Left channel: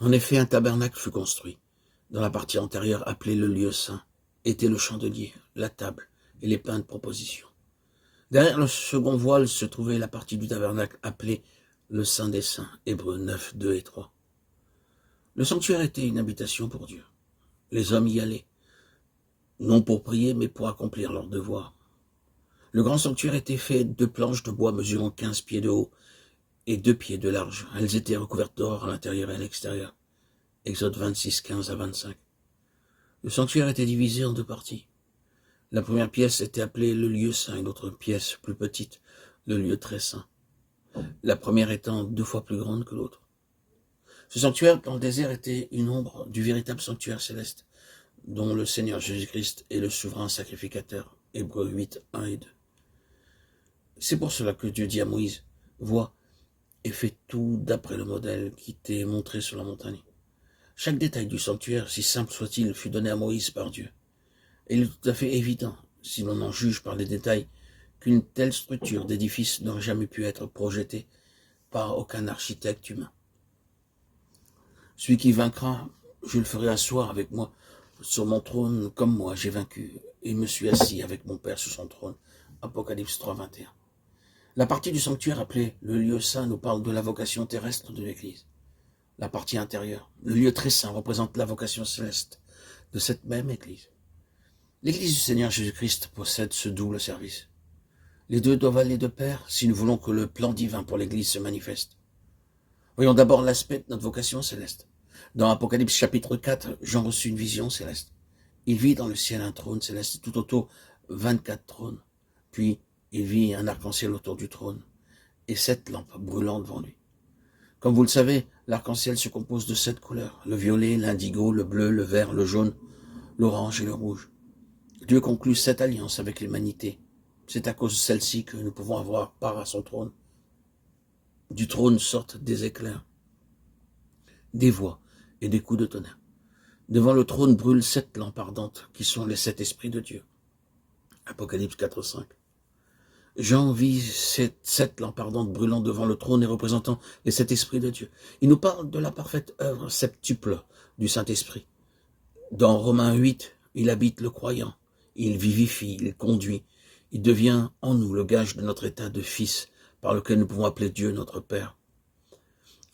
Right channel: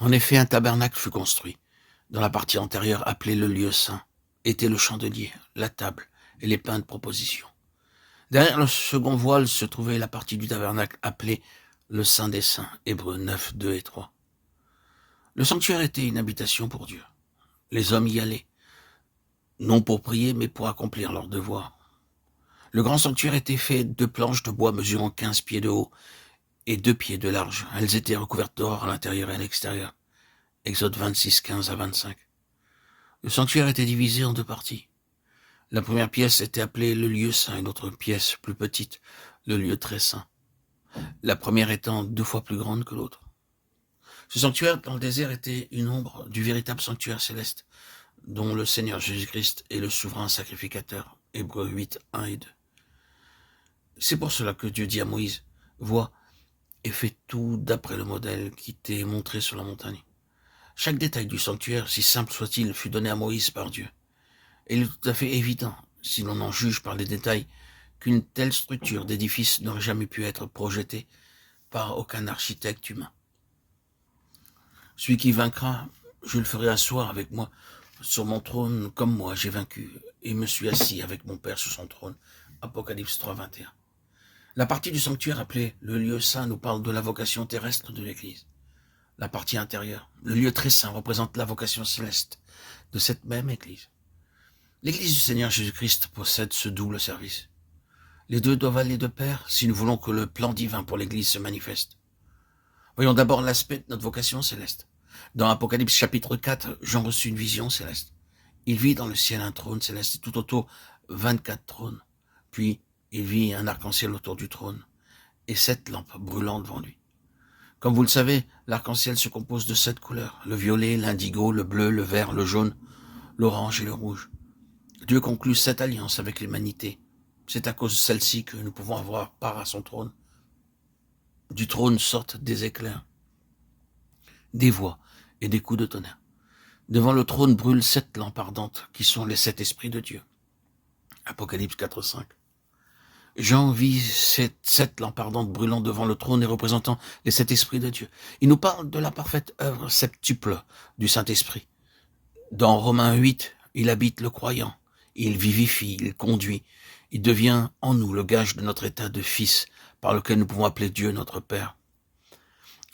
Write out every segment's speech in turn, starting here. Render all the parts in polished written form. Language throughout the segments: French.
En effet, un tabernacle fut construit. Dans la partie antérieure, appelée le lieu saint, était le chandelier, la table et les pains de proposition. Derrière le second voile se trouvait la partie du tabernacle appelée le Saint des Saints, Hébreux 9, 2 et 3. Le sanctuaire était une habitation pour Dieu. Les hommes y allaient, non pour prier, mais pour accomplir leurs devoirs. Le grand sanctuaire était fait de planches de bois mesurant 15 pieds de haut et 2 pieds de large. Elles étaient recouvertes d'or à l'intérieur et à l'extérieur. Exode 26, 15 à 25. Le sanctuaire était divisé en deux parties. La première pièce était appelée le lieu saint et l'autre pièce, plus petite, le lieu très saint. La première étant 2 fois plus grande que l'autre. Ce sanctuaire dans le désert était une ombre du véritable sanctuaire céleste, dont le Seigneur Jésus-Christ est le souverain sacrificateur. Hébreux 8, 1 et 2. C'est pour cela que Dieu dit à Moïse, « Vois et fais tout d'après le modèle qui t'est montré sur la montagne. » Chaque détail du sanctuaire, si simple soit-il, fut donné à Moïse par Dieu. Et il est tout à fait évident, si l'on en juge par les détails, qu'une telle structure d'édifice n'aurait jamais pu être projetée par aucun architecte humain. Celui qui vaincra, je le ferai asseoir avec moi sur mon trône, comme moi j'ai vaincu, et me suis assis avec mon Père sur son trône. Apocalypse 3, 21. La partie du sanctuaire appelée le lieu saint nous parle de la vocation terrestre de l'Église. La partie intérieure, le lieu très saint, représente la vocation céleste de cette même Église. L'Église du Seigneur Jésus-Christ possède ce double service. Les deux doivent aller de pair si nous voulons que le plan divin pour l'Église se manifeste. Voyons d'abord l'aspect de notre vocation céleste. Dans Apocalypse chapitre 4, Jean reçut une vision céleste. Il vit dans le ciel un trône céleste et tout autour 24 trônes. Puis il vit un arc-en-ciel autour du trône et 7 lampes brûlant devant lui. Comme vous le savez, l'arc-en-ciel se compose de 7 couleurs, le violet, l'indigo, le bleu, le vert, le jaune, l'orange et le rouge. Dieu conclut 7 alliances avec l'humanité. C'est à cause de celle-ci que nous pouvons avoir part à son trône. Du trône sortent des éclairs, des voix et des coups de tonnerre. Devant le trône brûlent 7 lampes ardentes qui sont les 7 esprits de Dieu. Apocalypse 4, 5. Jean vit ces 7 lampes ardentes brûlant devant le trône et représentant les 7 esprits de Dieu. Il nous parle de la parfaite œuvre septuple du Saint-Esprit. Dans Romains 8, il habite le croyant, il vivifie, il conduit, il devient en nous le gage de notre état de fils par lequel nous pouvons appeler Dieu notre Père.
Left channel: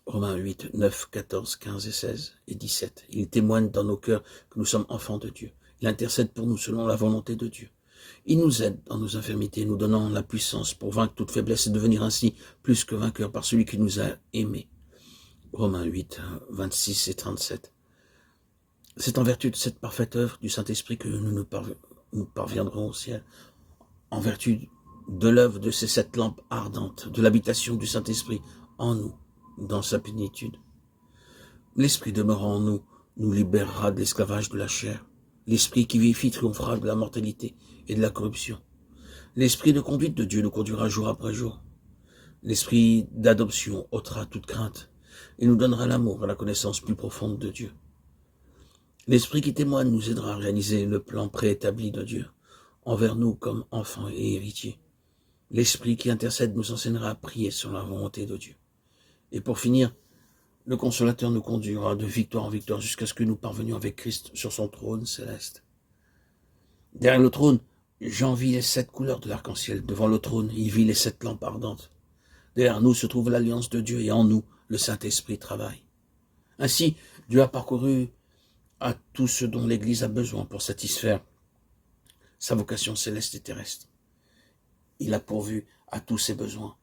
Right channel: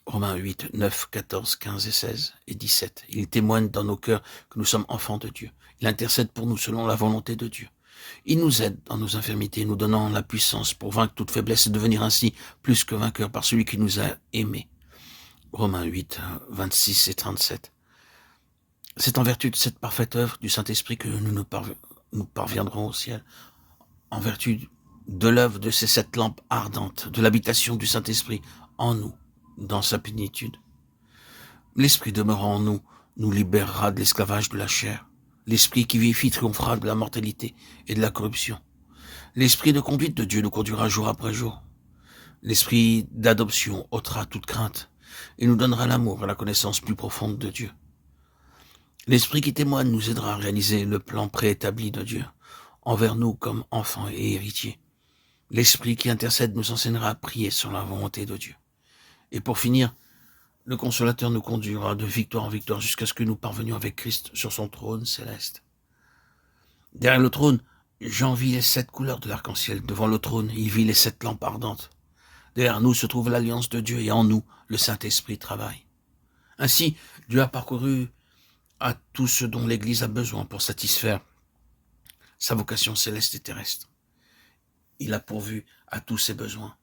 Romains 8, 9, 14, 15 et 16 et 17. Il témoigne dans nos cœurs que nous sommes enfants de Dieu. Il intercède pour nous selon la volonté de Dieu. Il nous aide dans nos infirmités, nous donnant la puissance pour vaincre toute faiblesse et devenir ainsi plus que vainqueurs par celui qui nous a aimés. Romains 8, 26 et 37. C'est en vertu de cette parfaite œuvre du Saint-Esprit que nous parviendrons au ciel, en vertu de l'œuvre de ces 7 lampes ardentes, de l'habitation du Saint-Esprit en nous, dans sa plénitude. L'Esprit demeurant en nous, nous libérera de l'esclavage de la chair. L'Esprit qui vivifie triomphera de la mortalité et de la corruption. L'Esprit de conduite de Dieu nous conduira jour après jour. L'Esprit d'adoption ôtera toute crainte et nous donnera l'amour et la connaissance plus profonde de Dieu. L'Esprit qui témoigne nous aidera à réaliser le plan préétabli de Dieu envers nous comme enfants et héritiers. L'Esprit qui intercède nous enseignera à prier sur la volonté de Dieu. Et pour finir, le Consolateur nous conduira de victoire en victoire jusqu'à ce que nous parvenions avec Christ sur son trône céleste. Derrière le trône, Jean vit les 7 couleurs de l'arc-en-ciel. Devant le trône, il vit les 7 lampes ardentes. Derrière nous se trouve l'alliance de Dieu et en nous, le Saint-Esprit travaille. Ainsi, Dieu a parcouru à tout ce dont l'Église a besoin pour satisfaire sa vocation céleste et terrestre. Il a pourvu à tous ses besoins.